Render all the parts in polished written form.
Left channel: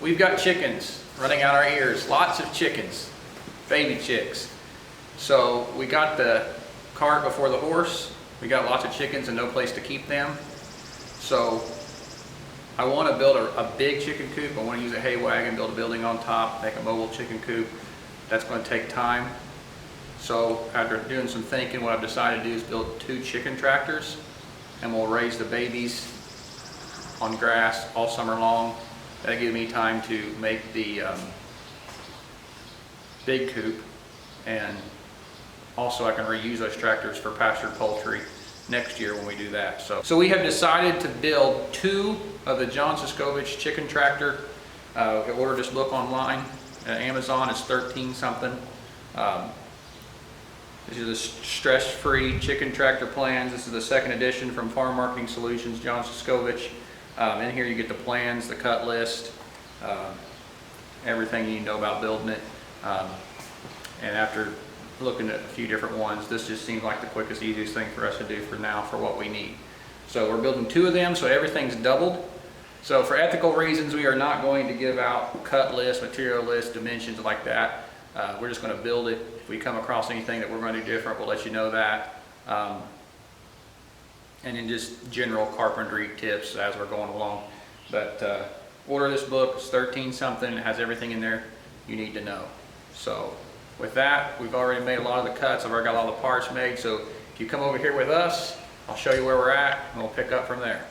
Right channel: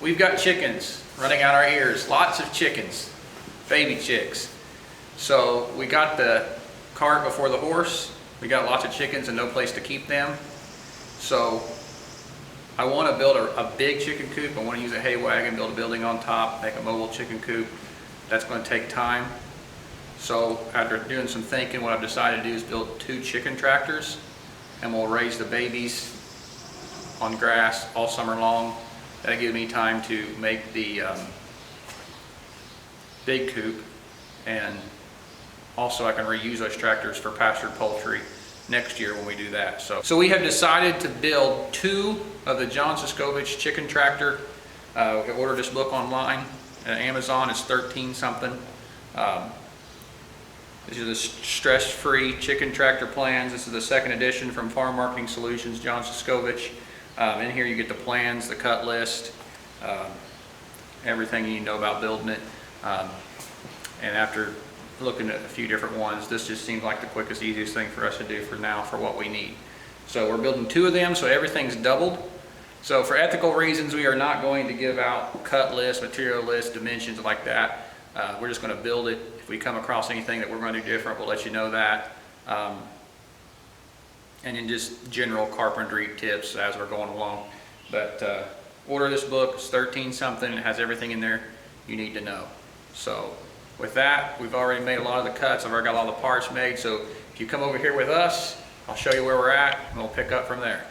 We've got chickens running out our ears, lots of chickens, baby chicks. So we got the cart before the horse. We got lots of chickens and no place to keep them. So I want to build a big chicken coop. I want to use a hay wagon, build a building on top, make a mobile chicken coop. That's going to take time. So after doing some thinking, what I've decided to do is build 2 chicken tractors, and we'll raise the babies on grass all summer long. That'll give me time to make the big coop, and also I can reuse those tractors for pastured poultry next year when we do that. So we have decided to build 2 of the John Suscovish chicken tractor. I ordered this book online at Amazon. It's 13 something. These are the stress-free chicken tractor plans. This is the 2nd edition from Farm Marketing Solutions, John Suscovish. In here you get the plans, the cut list, everything you need to know about building it. And after looking at a few different ones, this just seems like the quickest, easiest thing for us to do for now for what we need. So we're building 2 of them, so everything's doubled. So for ethical reasons, we are not going to give out cut lists, material lists, dimensions like that. We're just going to build it. If we come across anything that we're going to do different, we'll let you know that. And then just general carpentry tips as we're going along. But order this book. It's 13 something. It has everything in there you need to know. So with that, we've already made a lot of the cuts. I've already got all the parts made. So if you come over here with us, I'll show you where we're at and we'll pick up from there.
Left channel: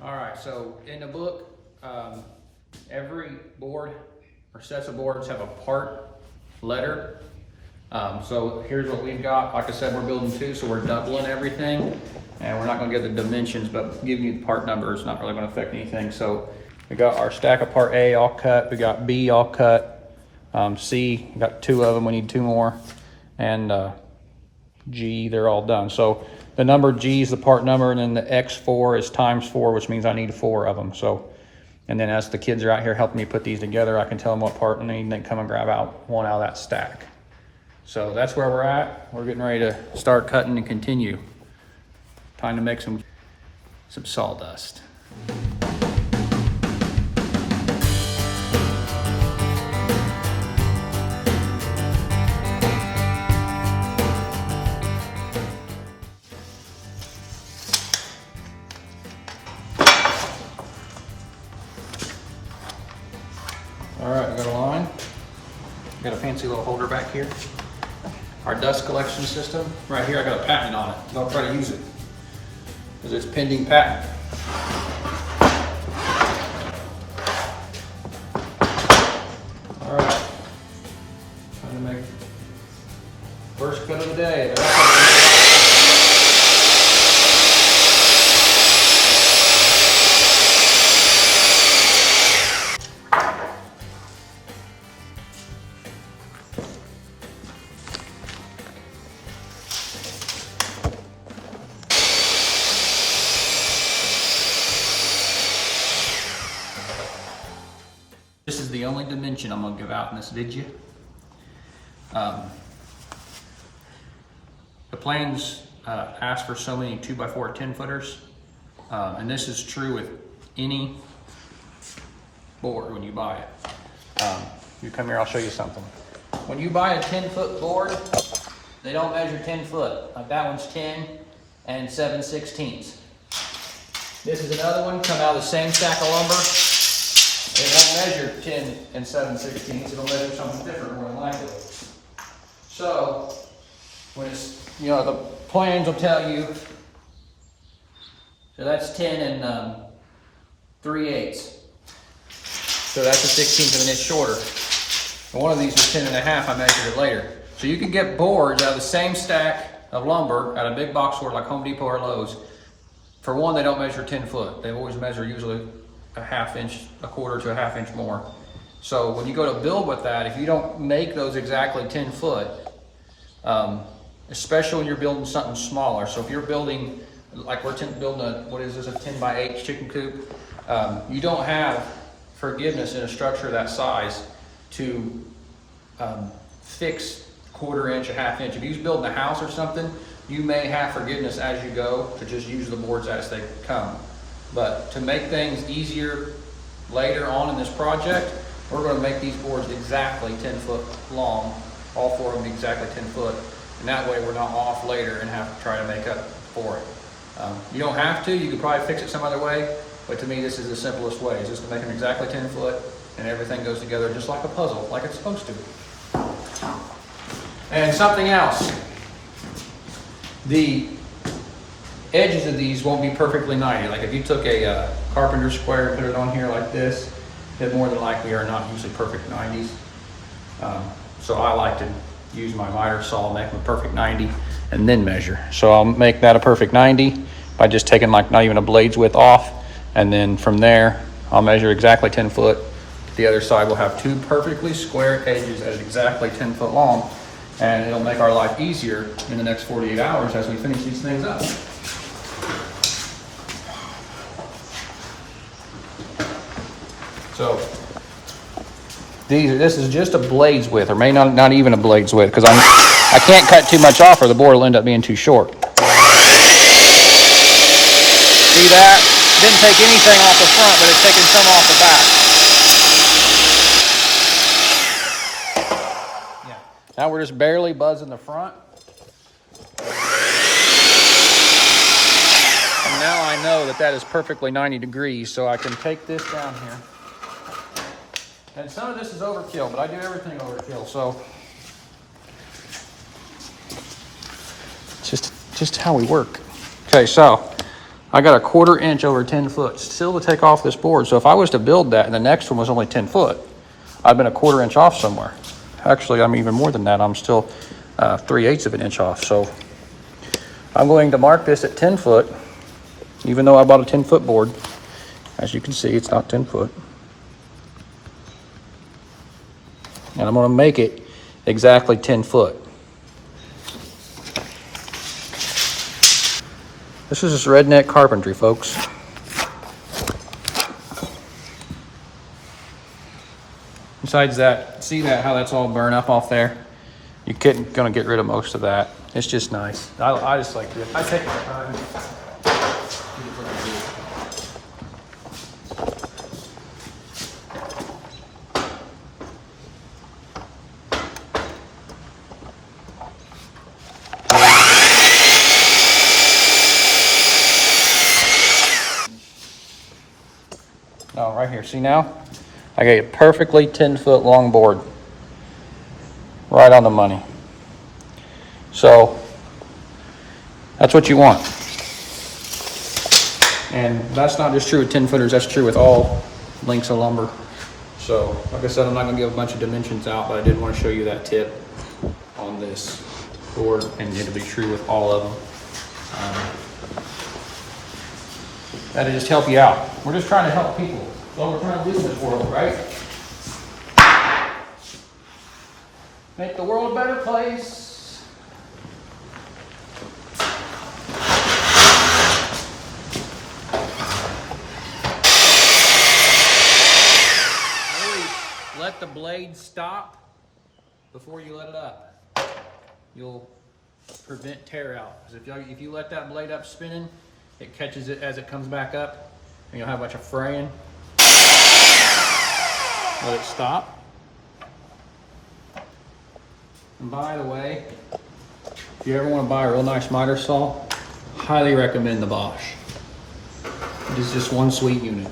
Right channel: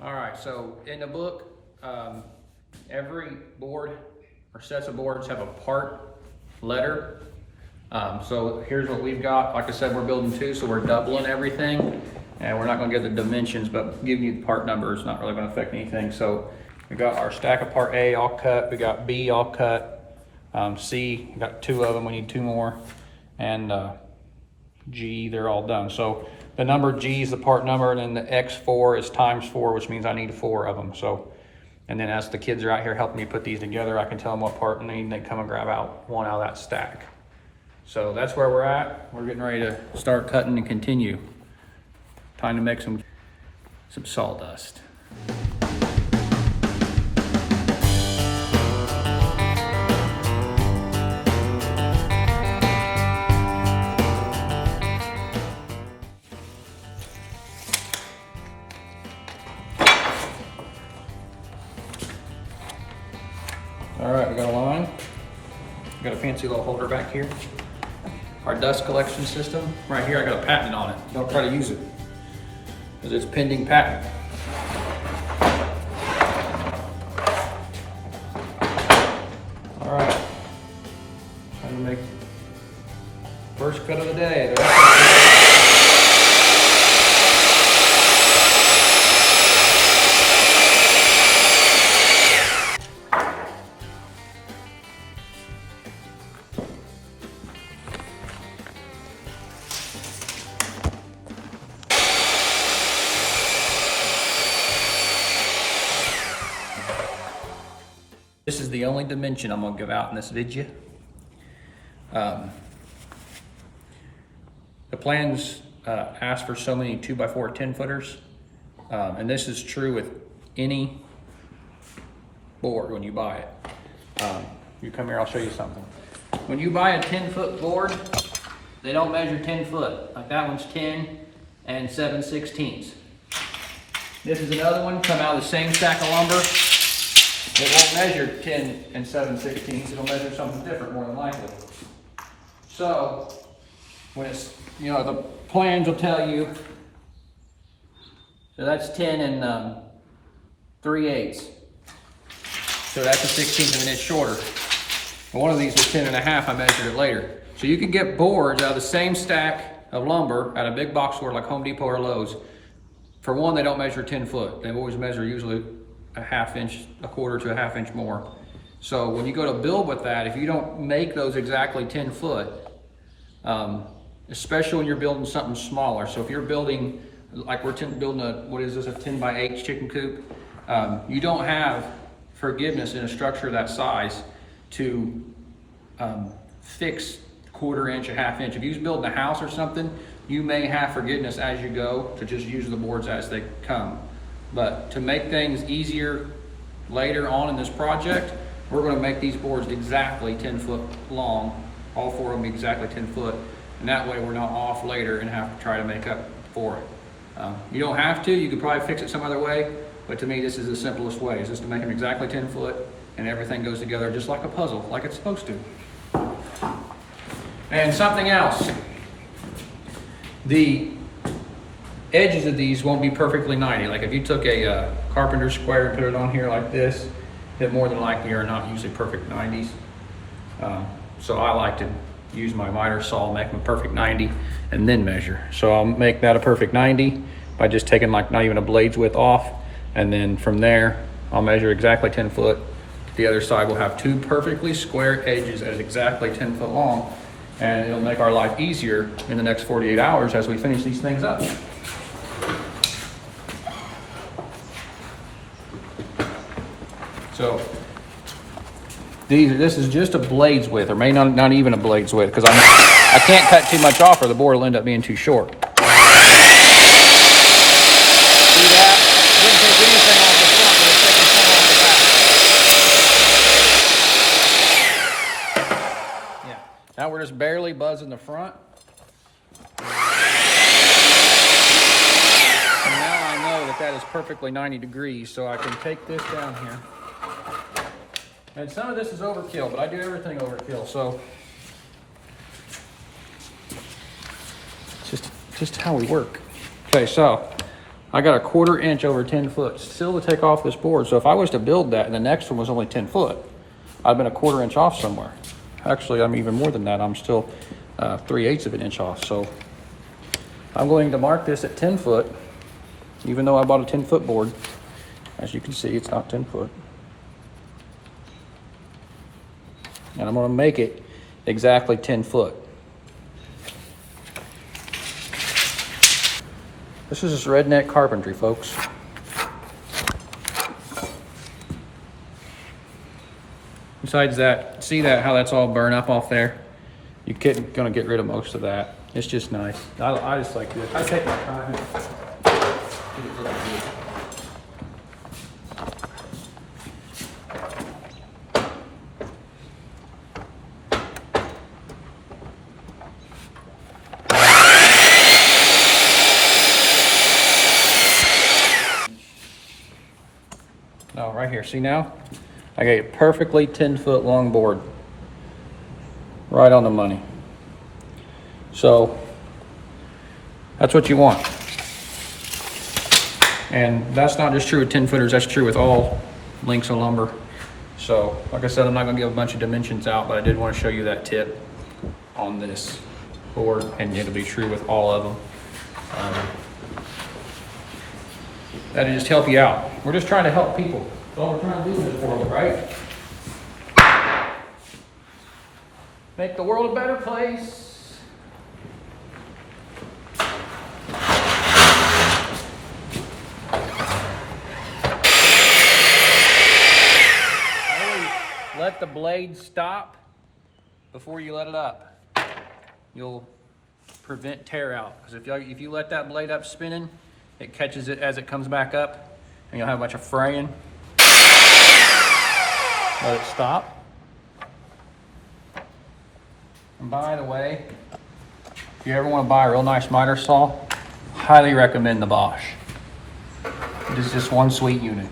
All right, so in the book, every board or sets of boards have a part letter. So here's what we've got. Like I said, we're building 2, so we're doubling everything. And we're not going to get the dimensions, but giving you the part number is not really going to affect anything. So we got our stack of part A all cut. We got B all cut. C, we got 2 of them. We need 2 more. And G, they're all done. So the number G is the part number, and then the X4 is times 4, which means I need 4 of them. So, and then as the kids are out here helping me put these together, I can tell them what part I need, and they come and grab out one out of that stack. So that's where we're at. We're getting ready to start cutting and continue. Time to make some sawdust. All right, we got a line. We got a fancy little holder back here. Our dust collection system. Right here, I got a patent on it. Don't try to use it, because it's pending patent. All right, time to make first cut of the day. This is the only dimension I'm going to give out in this video. The plans ask for so many 2x4 10-footers, and this is true with any board when you buy it. You come here, I'll show you something. When you buy a 10-foot board, they don't measure 10 foot. Like that one's 10 and 7/16. This is another one, come out of the same stack of lumber. It won't measure 10 and 7/16. It'll measure something different more than likely. So when it's, you know, the plans will tell you, so that's 10 and 3/8. So that's a 16th of an inch shorter. And one of these was 10 and a half, I measured it later. So you can get boards out of the same stack of lumber at a big box store like Home Depot or Lowe's. For one, they don't measure 10 foot. They always measure usually a ½ inch, a quarter to a ½ inch more. So when you go to build with that, if you don't make those exactly 10 foot, especially when you're building something smaller. So if you're building, like we're building a, what is this, a 10x8 chicken coop, you don't have forgiveness in a structure that size to fix quarter inch, a ½ inch. If you're building a house or something, you may have forgiveness as you go to just use the boards as they come. But to make things easier later on in this project, we're going to make these boards exactly 10 foot long, all 4 of them exactly 10 foot, and that way we're not off later and have to try to make up for it. You don't have to, you could probably fix it some other way, but to me this is the simplest way, is just to make them exactly 10 foot and everything goes together just like a puzzle, like it's supposed to. And something else, the edges of these won't be perfectly 90. Like if you took a carpenter square and put it on here like this, it more than likely are not usually perfect 90s. So I like to use my miter saw, make them a perfect 90, and then measure. So I'll make that a perfect 90 by just taking like not even a blade's width off, and then from there I'll measure exactly 10 foot. The other side will have 2 perfectly square edges at exactly 10 foot long, and it'll make our life easier in the next 48 hours as we finish these things up. So this is just a blade's width, or may not even a blade's width, because I can't cut too much off or the board will end up being too short. See that? Didn't take anything off the front, but it's taking some off the back. Yeah. Now we're just barely buzzing the front. And now I know that is perfectly 90 degrees, so I can take this down here. And some of this is overkill, but I do everything overkill, so just how we work. Okay, so I got a 1/4 inch over 10 foot still to take off this board. So if I was to build that and the next one was only 10 foot, I've been a 1/4 inch off somewhere. Actually, I'm even more than that. I'm still 3/8 of an inch off. So I'm going to mark this at 10 foot, even though I bought a 10 foot board. As you can see, it's not 10 foot. And I'm going to make it exactly 10 foot. This is just redneck carpentry, folks. Besides that, see that how that's all burned up off there? You're gonna get rid of most of that. It's just nice. I just like this. I take my time. Oh, right here. See now? I got a perfectly 10 foot long board. Right on the money. So that's what you want. And that's not just true with 10 footers, that's true with all lengths of lumber. So like I said, I'm not gonna give a bunch of dimensions out, but I did want to show you that tip on this board, and it'll be true with all of them. That'll just help you out. We're just trying to help people. That's all we're trying to do in this world, right? Make the world a better place. Let the blade stop before you let it up. You'll prevent tear out. Because if you let that blade up spinning, it catches it as it comes back up, and you'll have a bunch of fraying. Let it stop. And by the way, if you ever want to buy a real nice miter saw, highly recommend the Bosch. It is just one sweet unit.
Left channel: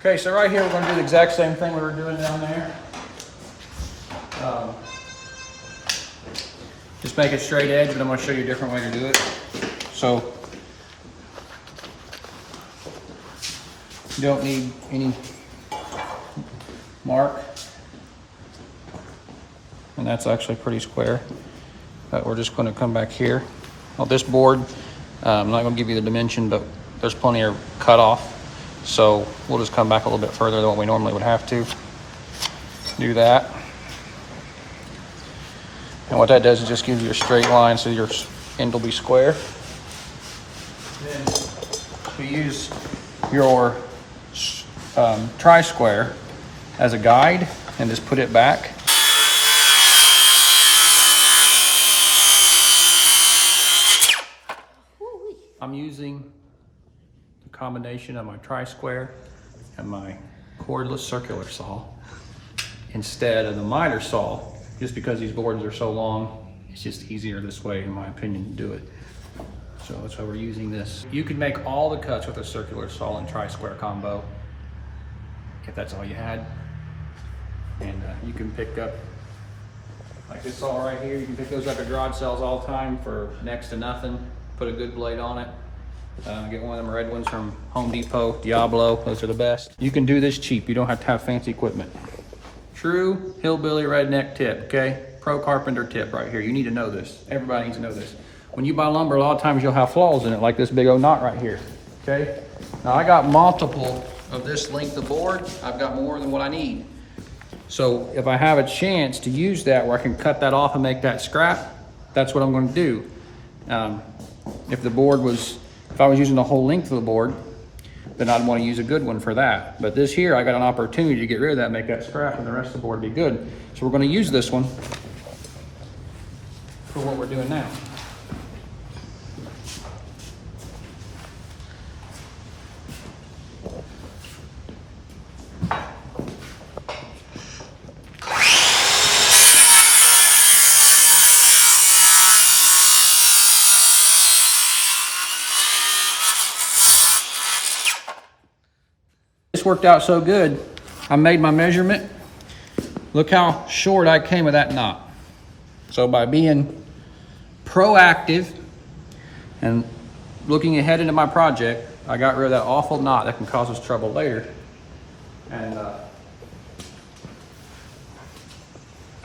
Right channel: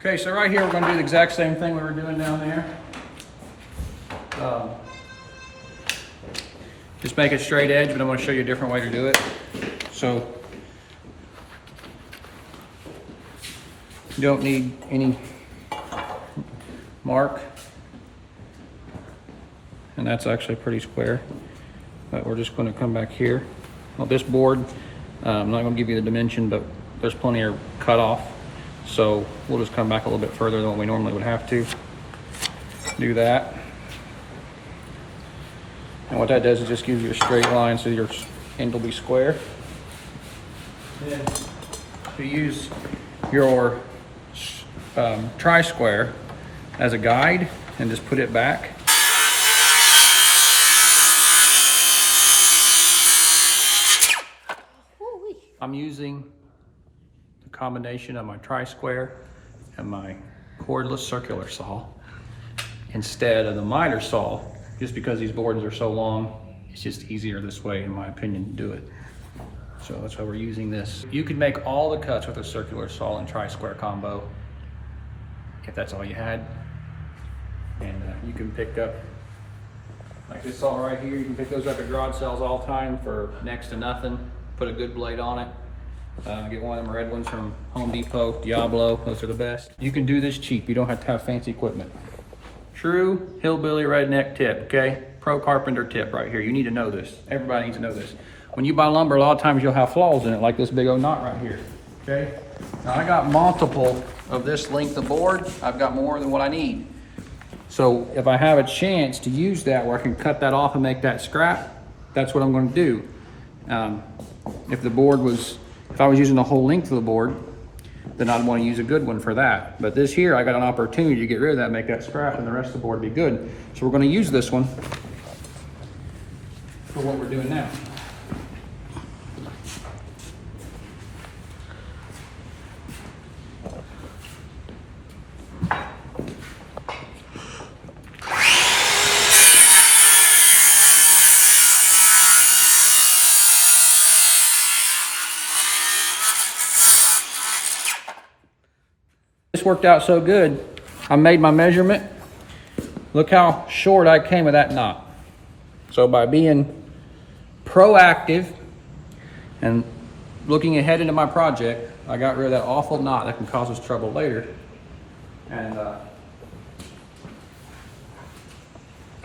Okay, so right here we're going to do the exact same thing we were doing down there. just make it straight edge, but I'm going to show you a different way to do it. So you don't need any mark, and that's actually pretty square. But we're just going to come back here. Well, this board, I'm not going to give you the dimension, but there's plenty of cut off. So we'll just come back a little bit further than what we normally would have to. Do that. And what that does is just gives you a straight line so your end will be square. Then we use your tri-square as a guide and just put it back. I'm using the combination of my tri-square and my cordless circular saw instead of the miter saw, just because these boards are so long. It's just easier this way, in my opinion, to do it. So that's why we're using this. You could make all the cuts with a circular saw and tri-square combo if that's all you had. And you can pick up, like this saw right here, you can pick those up at garage sales all the time for next to nothing. Put a good blade on it. Get one of them red ones from Home Depot, Diablo, those are the best. You can do this cheap, you don't have to have fancy equipment. True hillbilly redneck tip, okay? Pro carpenter tip right here. You need to know this. Everybody needs to know this. When you buy lumber, a lot of times you'll have flaws in it, like this big old knot right here, okay? Now I got multiple of this length of board. I've got more than what I need. So if I have a chance to use that where I can cut that off and make that scrap, that's what I'm going to do. If I was using the whole length of the board, then I'd want to use a good one for that. But this here, I got an opportunity to get rid of that, make that scrap, and the rest of the board be good. So we're going to use this one for what we're doing now. This worked out so good. I made my measurement. Look how short I came with that knot. So by being proactive and looking ahead into my project, I got rid of that awful knot that can cause us trouble later. And I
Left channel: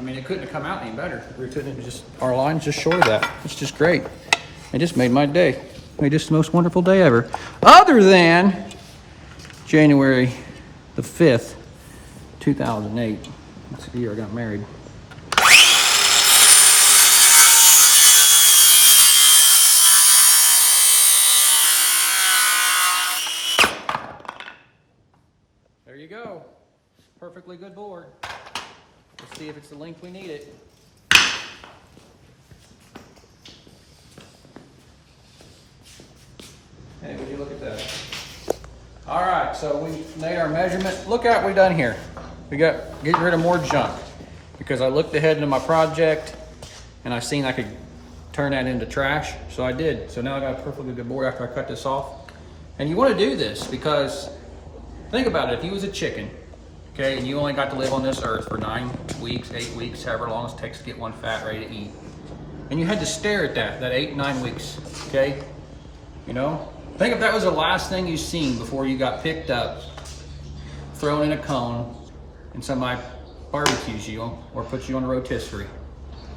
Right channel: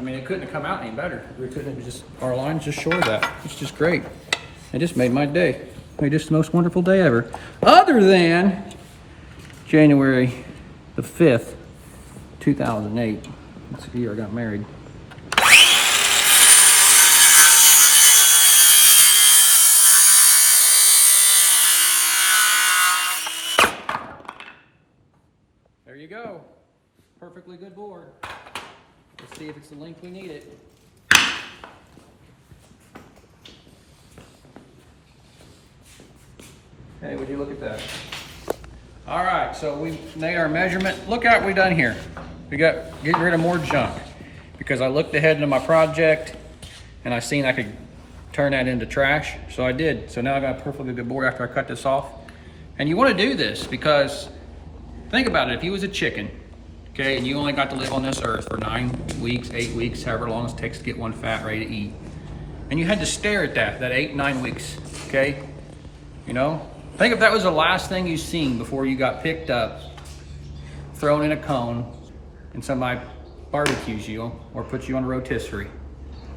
mean, it couldn't have come out any better. We couldn't have just, our line's just short of that. It's just great. It just made my day. Made this the most wonderful day ever. Other than January the 5th, 2008. That's the year I got married. There you go. Perfectly good board. Let's see if it's the length we need it. Hey, would you look at that? All right, so we made our measurement. Look at what we've done here. We got getting rid of more junk because I looked ahead into my project and I seen I could turn that into trash. So I did. So now I got a perfectly good board after I cut this off. And you want to do this because think about it. If you was a chicken, okay, and you only got to live on this earth for 9 weeks, 8 weeks, however long it takes to get one fat ready to eat, and you had to stare at that 8, 9 weeks, okay, you know. Think if that was the last thing you seen before you got picked up, thrown in a cone, and somebody barbecues you or puts you on a rotisserie.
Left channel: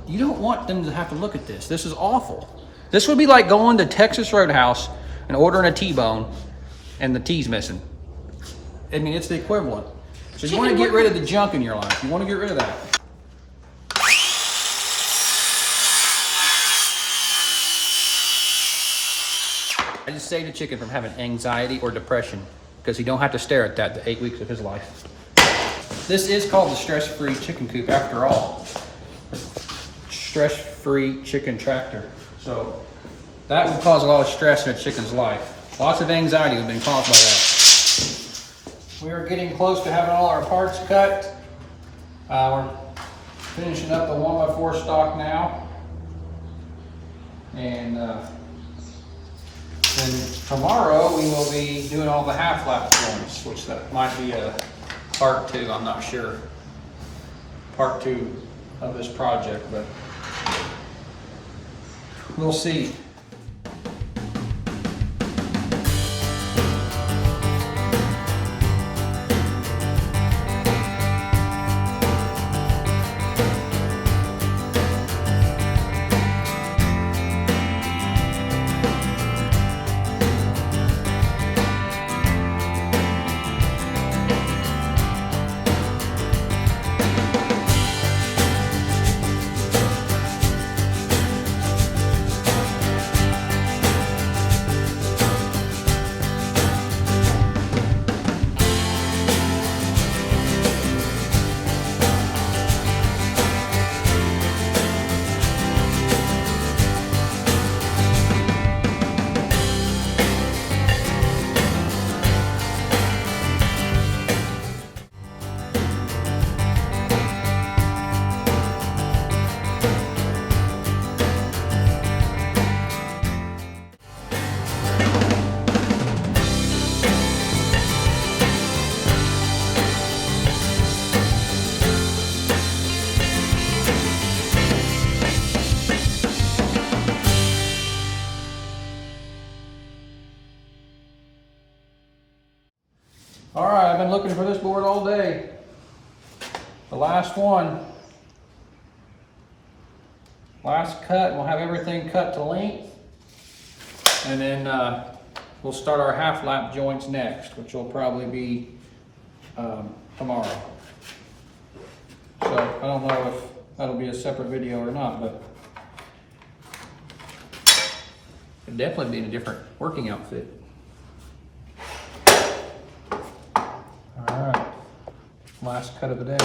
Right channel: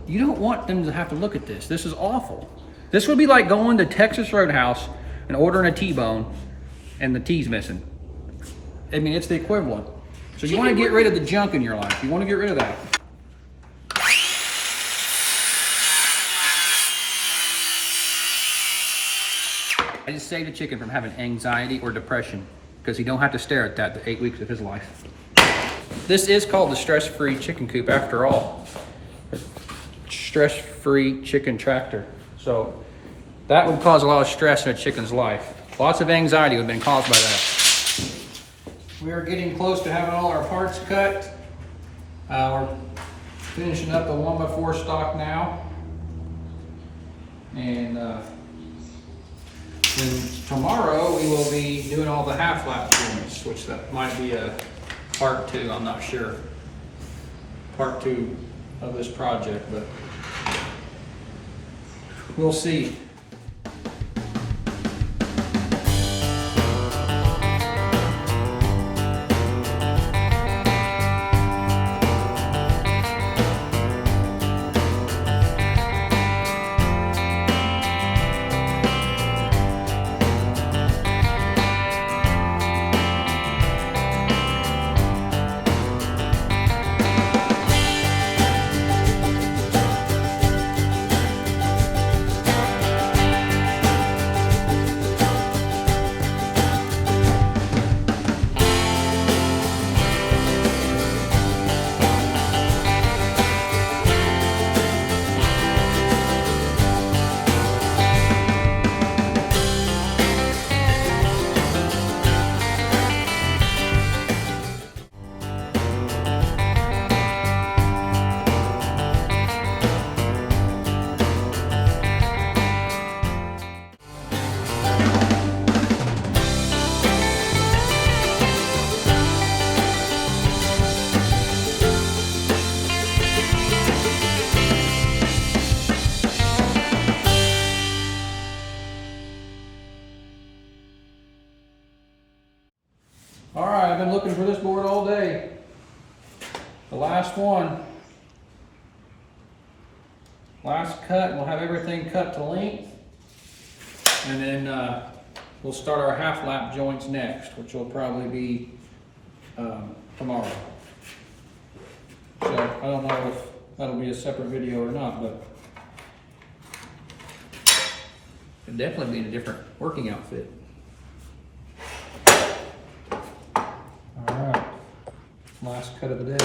You don't want them to have to look at this. This is awful. This would be like going to Texas Roadhouse and ordering a T-bone and the T's missing. I mean, it's the equivalent. So you want to get rid of the junk in your life. You want to get rid of that. I just saved a chicken from having anxiety or depression because you don't have to stare at that the 8 weeks of his life. This is called the stress-free chicken coop after all. Stress-free chicken tractor. So that would cause a lot of stress in a chicken's life. Lots of anxiety would have been caused by that. We are getting close to having all our parts cut. We're finishing up the 1x4 stock now. And tomorrow we will be doing all the half lap joints, which that might be a part 2, I'm not sure. Part 2 of this project, but we'll see. All right, I've been looking for this board all day. The last one. Last cut, we'll have everything cut to length. And then we'll start our half lap joints next, which will probably be tomorrow. So I don't know if that'll be a separate video or not, but it'd definitely be in a different working outfit. Alright, last cut of the day.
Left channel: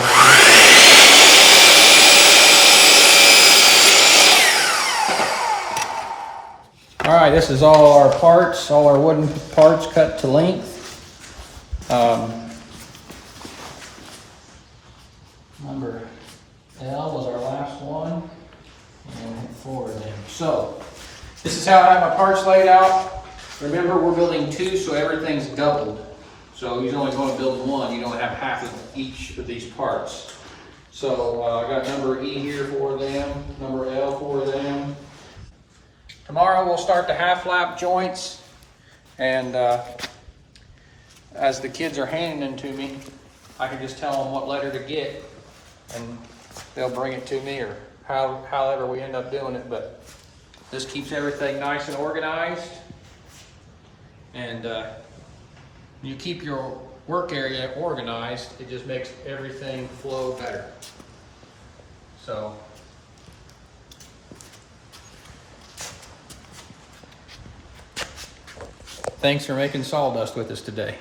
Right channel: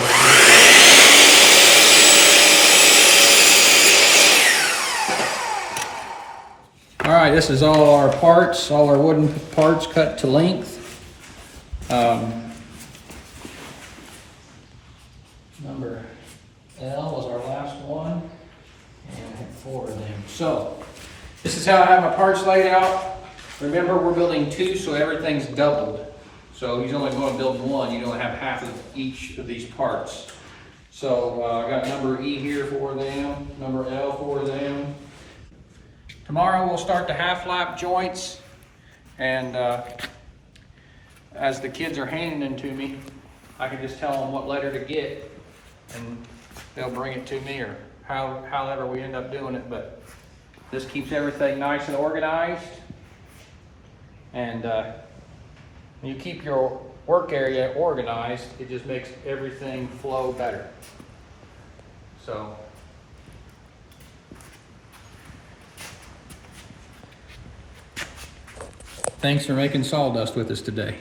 Alright, this is all our parts, all our wooden parts cut to length. Number L was our last one, and we'll hit 4 of them. So, this is how I have my parts laid out. Remember, we're building 2, so everything's doubled. So you're only going to build 1, you don't have half of each of these parts. So I got number E here for them, number L for them. Tomorrow we'll start the half lap joints, and as the kids are handing them to me, I can just tell them what letter to get, and they'll bring it to me, or however we end up doing it. But this keeps everything nice and organized, and you keep your work area organized, it just makes everything flow better. So, thanks for making sawdust with us today.